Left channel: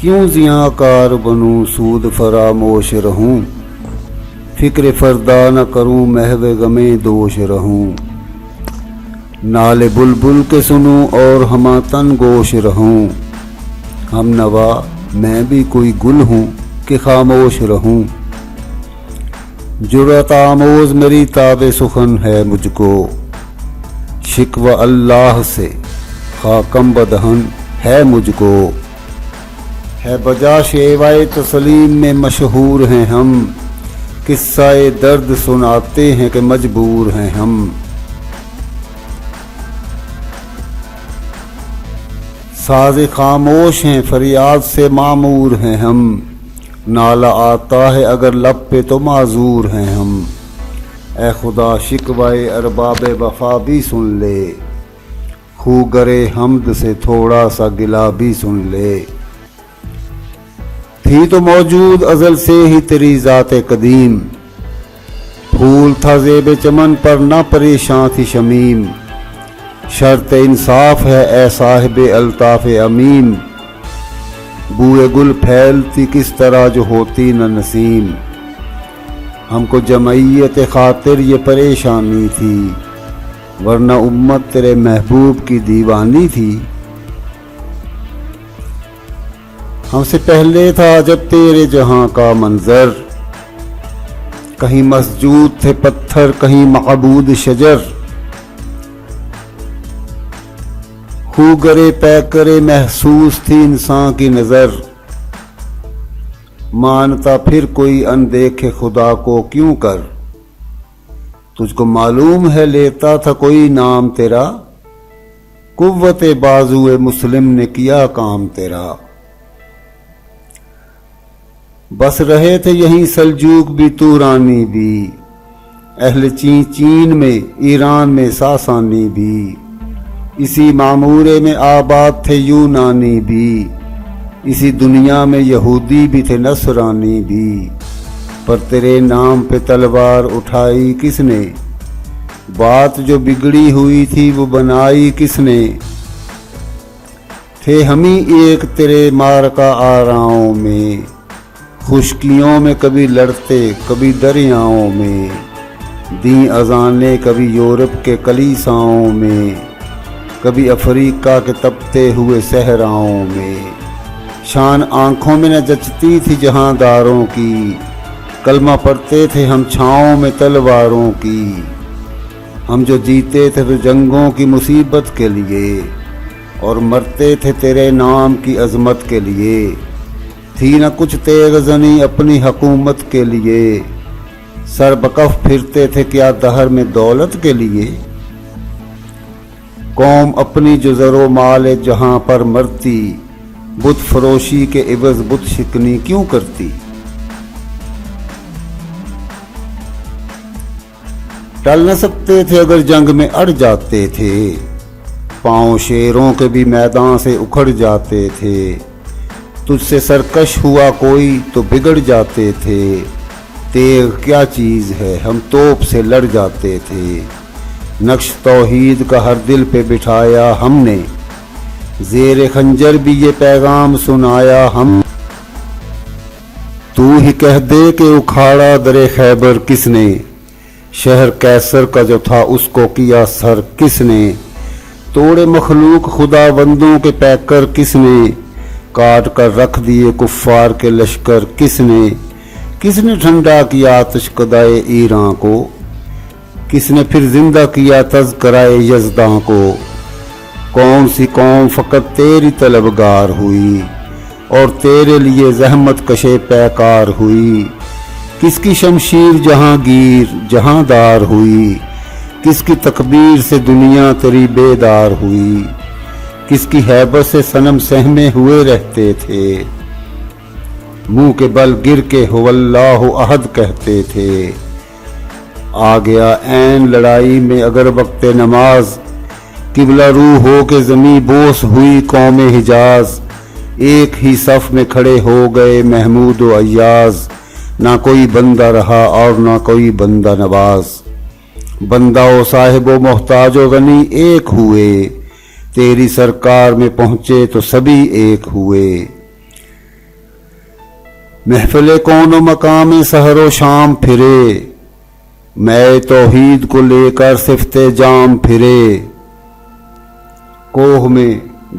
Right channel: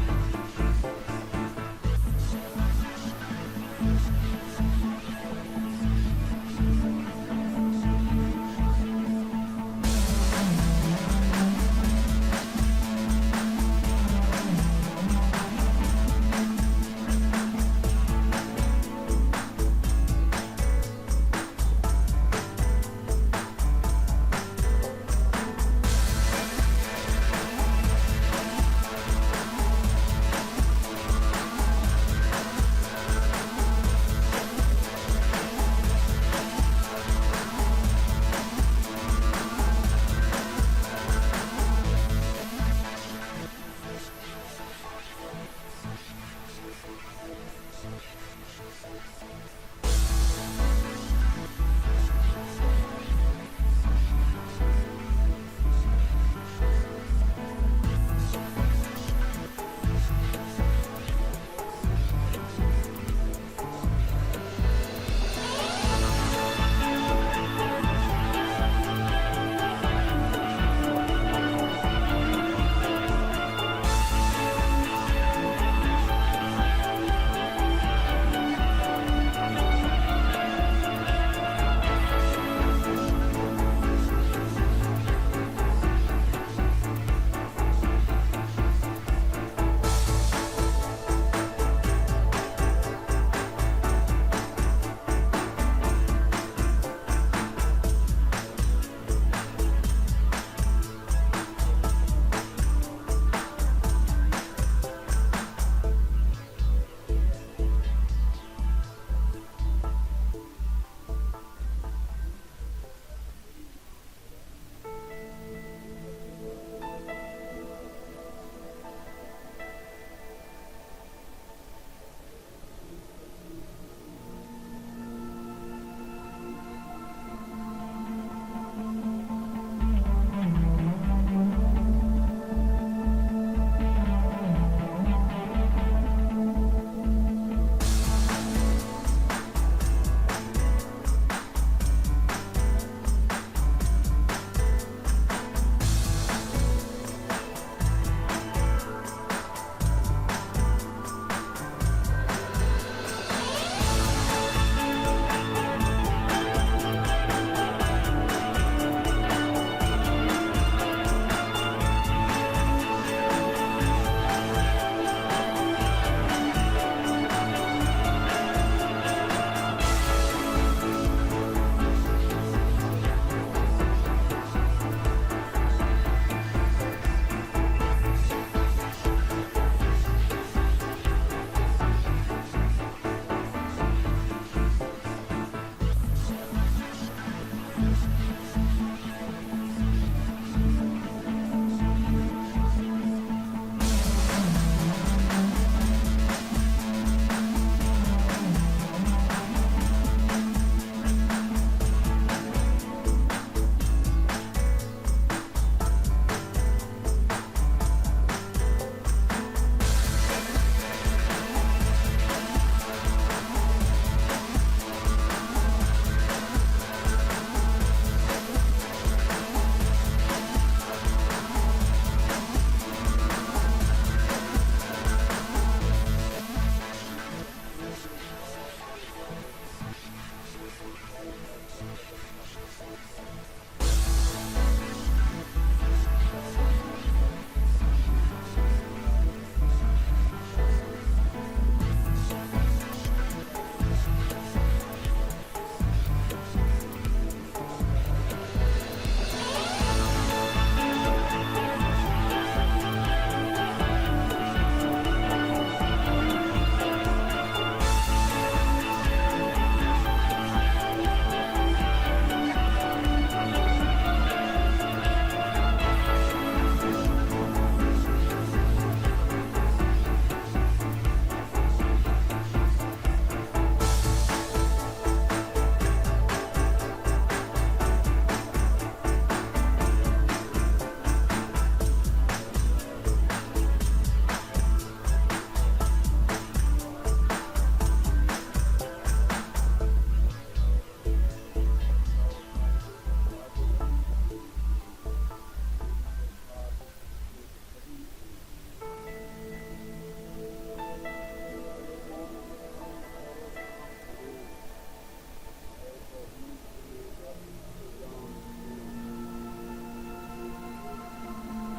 کیوں زیاں کار بنوں سود فراموش رہوں، فکر فردا نہ کروں محو غمیں دوش رہوں، نالے بلبل کے سنوں اور ہما تن گوش رہوں، ہم نوا میں بھی کوئی گل ہوں کہ خاموش رہوں، جرأت آموز میری تاب سخن ہے مجھ کو، شکوہ اللہ سے خاکم بدہن ہے مجھ کو، ہے بجا شیوائے تسلیم میں مشہور ہیں ہم، قصہ درد سناتے ہیں کہ مجبور ہیں ہم، ساز خاموش ہیں فریاد سے معمور ہیں ہم، نالہ آتا ہے اگر لب پہ تو معذور ہیں ہم، اے خدا شکوائے ارباب وفا بھی سن لے، خو گرے حمد سے تھوڑا سا گلا بھی سن لے، تھی تو موجود ازل سے ہی تیری ذات قدیم، پھول تھا زیب چمن پر نہ پریشاں تھی شمیم، شرط انصاف ہے اے صاحب الطاف امین، بوئے گل پھیلتی کس طرح جو ہوتی نہ نسیم، ہم کو جمعیت خاطر یہ پریشانی تھی، ورنہ امت تیرے محبوب کی دیوانی تھی، ہم سے پہلے تھا جب تیرے جہاں کا منظر، کہیں مسجود تھے پتھر کہیں معبود شجر، خو گرے پے کرے محسوس تھی انسان کی نظر، مانتا پھر کوئی اندیکھے خدا کو کیوں کر، تجھ کو معلوم ہے لیتا تھا کوئی نام تیرا، قوت بازوئے مسلم نے کیا کام تیرا، بس رہے تھے یہیں سلجوق بھی تورانی بھی، اہل چین میں ایران میں ساسانی بھی، اسی معمورے میں آباد تھے یونانی بھی، اسی دنیا میں یہودی بھی تھے نصرانی بھی، پر تیرے نام پہ تلوار اٹھائی کس نے، بات جو بگڑی ہوئی تھی وہ بنائی کس نے، تھے ہم ہی ایک تیرے مارکا آراؤں میں، خشکیوں میں کبھی لڑتے کبھی دریاؤں میں، دیں اذانے کبھی یورپ کے کلیساؤں میں، کبھی افریقہ کے تپتے ہوئے صحراؤں میں، شان آنکھوں میں نہ جچتی تھی جہاں داروں کی، کلمہ پڑھتے تھے ہم چھاؤں میں تلواروں کی، ہم جو جیتے تھے تو جنگوں کی مصیبت کے لیے، اور مرتے تھے تیرے نام کی عظمت کے لیے، تھی نہ کچھ تیغ زنی اپنی حکومت کے لیے، سر بکف پھرتے تھے کیا دہر میں دولت کے لیے، قوم اپنی جو زر و مال جہاں پر مرتی، بت فروشی کے عوض بت شکنی کیوں کرتی، ٹل نہ سکتے تھے اگر جنگ میں اڑ جاتے تھے، پاؤں شیروں کے بھی میدان سے اکھڑ جاتے تھے، تجھ سے سرکش ہوا کوئی تو بگڑ جاتے تھے، تیغ کیا چیز ہے ہم توپ سے لڑ جاتے تھے، نقش توحید کا ہر دل پہ بٹھایا ہم نے، زیر خنجر بھی یہ پیغام سنایا ہم، تو ہی کہہ دے کہ اکھاڑا در خیبر کس نے، شہر کیسر کا جو تھا اس کو کیا سر کس نے، توڑے مخلوق خدا بندوں کے پیکر کس نے، کاٹ کر رکھ دیے کفار کے لشکر کس نے ٹھنڈا کیا آتش کدائے ایران کو، کس نے پھر زندہ کیا تذکرائے یزداں کو، کون سی قوم فقط تیری طلبگار ہوئی، اور تیرے لیے زحمت کشے پیکار ہوئی، کس کی شمشیر جہاں گیر جہاں دار ہوئی، کس کی تکبیر سے دنیا تیری بیدار ہوئی، کس کی ہیبت سے صنم سہمے ہوئے رہتے تھے، منہ کے بل گر کے ہو اللہ احد کہتے تھے، آ گیا عین لڑائی میں اگر وقت نماز، قبلہ روح ہو کے زمیں بوس ہوئی قوم حجاز، ایک ہی صف میں کھڑے ہو گئے محمود و ایاز، نہ کوئی بندہ رہا اور نہ کوئی بندہ نواز، بندہ و صاحب و محتاج و غنی ایک ہوئے، تیری سرکار میں پہنچے تو سبھی ایک ہوئے، محفل کون و مقام سحر و شام پھرے، میں توحید کو لے کر صفت جام پھرے، کوہ میں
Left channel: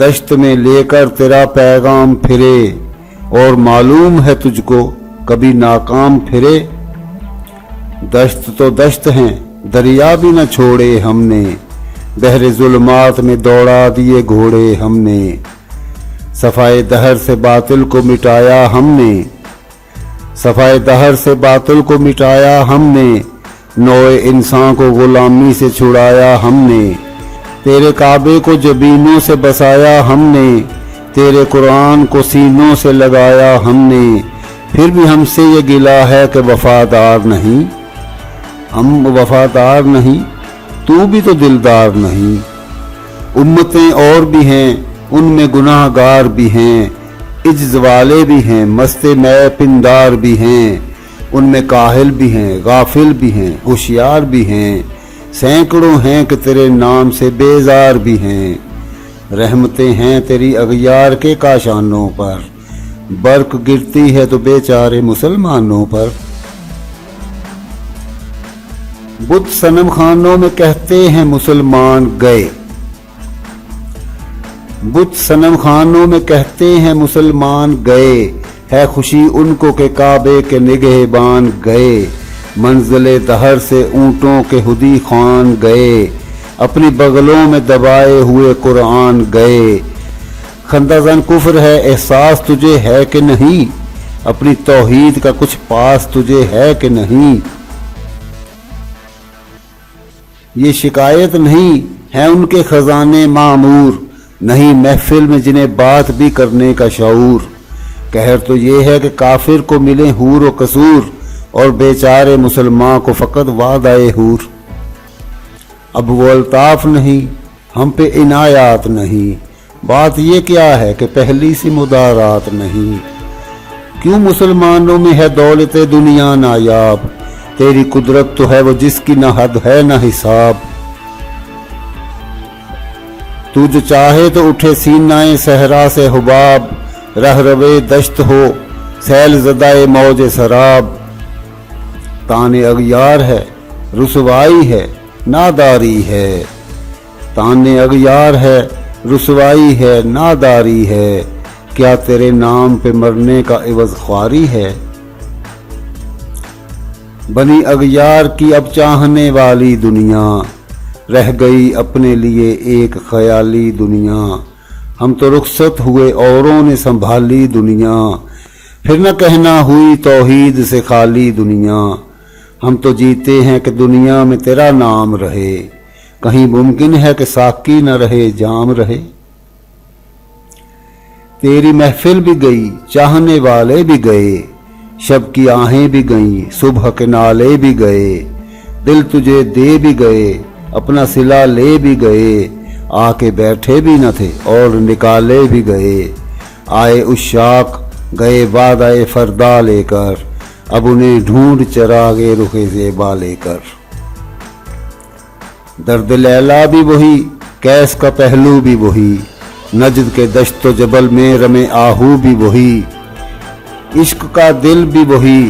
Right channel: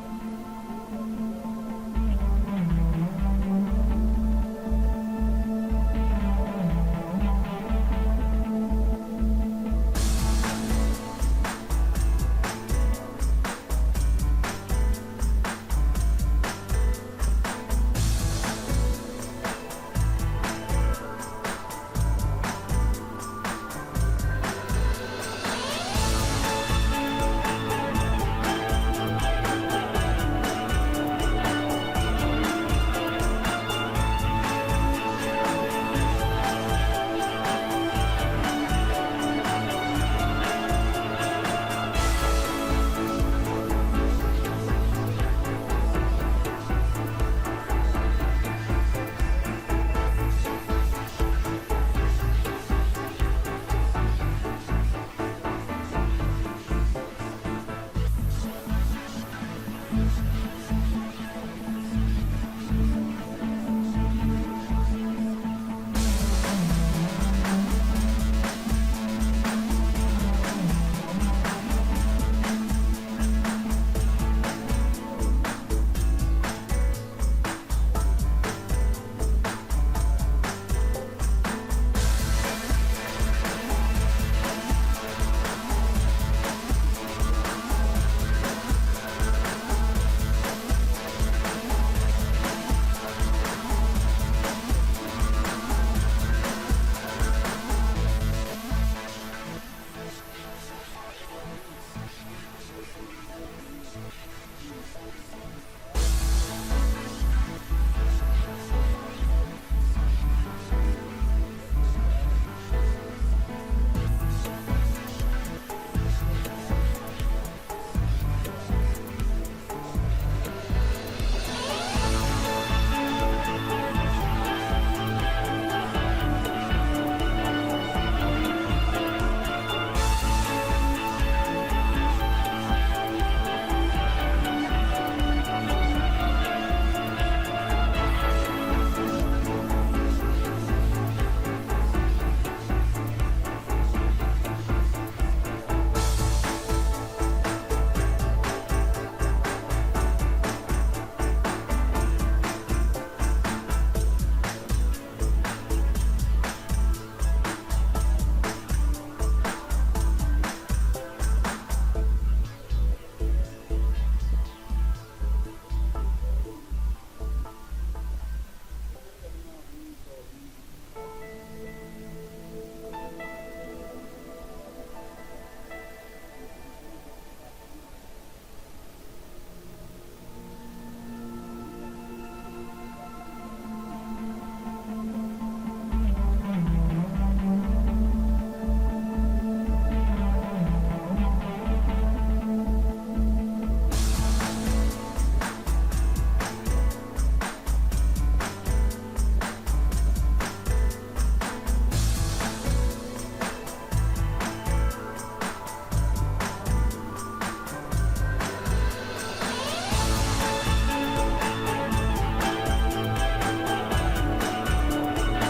دشت میں لے کر تیرا پیغام پھرے، اور معلوم ہے تجھ کو کبھی ناکام پھرے۔ دشت تو دشت ہیں دریا بھی نہ چھوڑے ہم نے، بحر ظلمات میں دوڑا دیے گھوڑے ہم نے، صفائے دہر سے باطل کو مٹایا ہم نے، صفائے دہر سے باطل کو مٹایا ہم نے، نوع انسان کو غلامی سے چھڑایا ہم نے، تیرے کعبے کو جبینوں سے بسایا ہم نے، تیرے قرآن کو سینوں سے لگایا ہم نے، پھر بھی ہم سے یہ گلہ ہے کہ وفادار نہیں، ہم وفادار نہیں، تو بھی تو دلدار نہیں۔ امتیں اور بھی ہیں ان میں گناہ گار بھی ہیں، عجز والے بھی ہیں مست میں پندار بھی ہیں، ان میں کاہل بھی ہیں غافل بھی ہیں ہوشیار بھی ہیں، سینکڑوں ہیں کہ تیرے نام سے بیزار بھی ہیں، رحمتیں ہیں تیری اغیار کے کاشانوں پر، برق گرتی ہے تو بیچارے مسلمانوں پر۔ بت صنم خانوں میں کہتے ہیں مسلمان گئے، بت صنم خانوں میں کہتے ہیں مسلمان گئے، ہے خوشی ان کو کہ کعبے کے نگہبان گئے، منزل دہر سے اونٹوں کے ہدی خوان گئے، اپنی بغلوں میں دبائے ہوئے قرآن گئے، خندہ زن کفر ہے احساس تجھے ہے کہ نہیں، اپنی توحید کا کچھ پاس تجھے ہے کہ نہیں، یہ شکایت نہیں ہے ان کے خزانے معمور، نہیں محفل میں جنہیں بات بھی کرنے کا شعور، قہر تو یہ ہے کہ کافر کو ملے حور و قصور، اور بیچارے مسلمان کو فقط وعدہ حور، اب وہ الطاف نہیں ہم پہ عنایات نہیں، بات یہ کیا ہے کہ پہلی سی مدارات نہیں، کیوں مسلمانوں میں ہے دولت دنیا نایاب، تیری قدرت تو ہے وہ جس کی نہ حد ہے نہ حساب، تو جو چاہے تو اٹھے سینہ صحرا سے حباب، رہ روے دشت ہو سیل زدہ موج سراب، تان اغیار ہے رسوائی ہے ناداری ہے، تان اغیار ہے رسوائی ہے ناداری ہے، کیا تیرے نام پہ مرنے کا عوض خواری ہے، بنی اغیار کی اب چاہنے والی دنیا، رہ گئی اپنے لیے ایک خیالی دنیا، ہم تو رخصت ہوئے اوروں نے سنبھالی دنیا، پھر نہ کہنا ہوئی توحید سے خالی دنیا، ہم تو جیتے ہیں کہ دنیا میں تیرا نام رہے، کہیں ممکن ہے کہ ساقی نہ رہے جام رہے، تیری محفل بھی گئی چاہنے والے بھی گئے، شب کی آہیں بھی گئیں صبح کے نالے بھی گئے، دل تجھے دے بھی گئے اپنا صلہ لے بھی گئے، آ کے بیٹھے بھی نہ تھے اور نکالے بھی گئے، آئے عشاق گئے وعدہ فردا لے کر، اب انہیں ڈھونڈ چراغے رخ زیبا لے کر، درد لیلا بھی وہی کیس کا پہلو بھی وہی، نجد کے دشت و جبل میں رمے آہو بھی وہی، عشق کا دل بھی وہی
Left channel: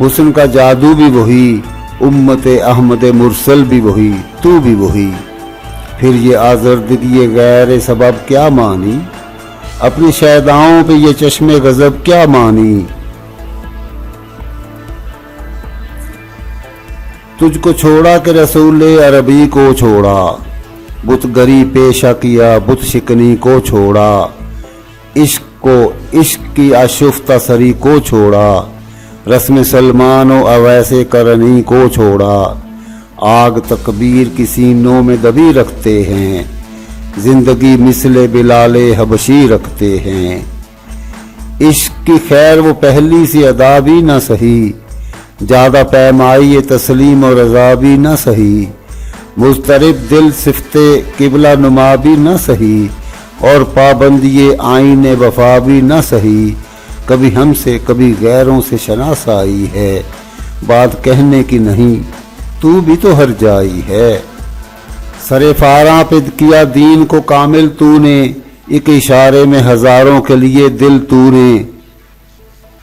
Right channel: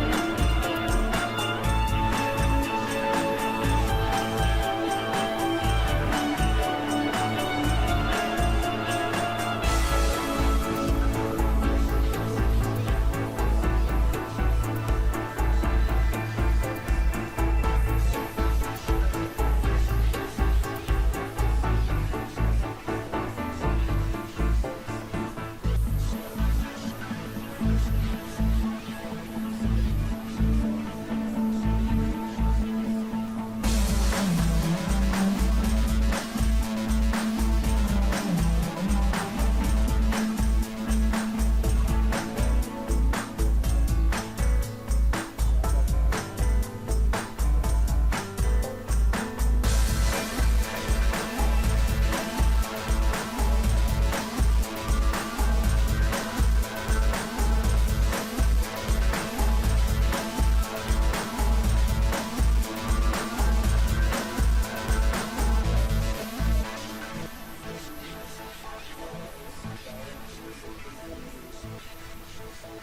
حسن کا جادو بھی وہی، امت احمد مرسل بھی وہی تو بھی وہی، پھر یہ آزردگی غیر سبب کیا مانی، اپنی شیداؤں پہ یہ چشم غضب کیا مانی، تجھ کو چھوڑا کہ رسول عربی کو چھوڑا، بت گری پیشہ کیا بت شکنی کو چھوڑا، عشق کو عشق کی آشفتہ سری کو چھوڑا، رسم سلمان و اویس کرنی کو چھوڑا، آگ تکبیر کی سینوں میں دبی رکھتے ہیں، زندگی مثل بلال حبشی رکھتے ہیں، عشق کی خیر وہ پہلی سی ادا بھی نہ سہی، زیادہ پیمائی تسلیم و رضا بھی نہ سہی، مضطرب دل صفت قبلہ نما بھی نہ سہی، اور پابندی آئین وفا بھی نہ سہی، کبھی ہم سے کبھی غیروں سے شناسائی ہے، بات کہنے کی نہیں تو بھی تو ہر جائی ہے، سر فاراں پہ کیا دین کو کامل تو نے، ایک اشارے میں ہزاروں کے لیے دل تو نے،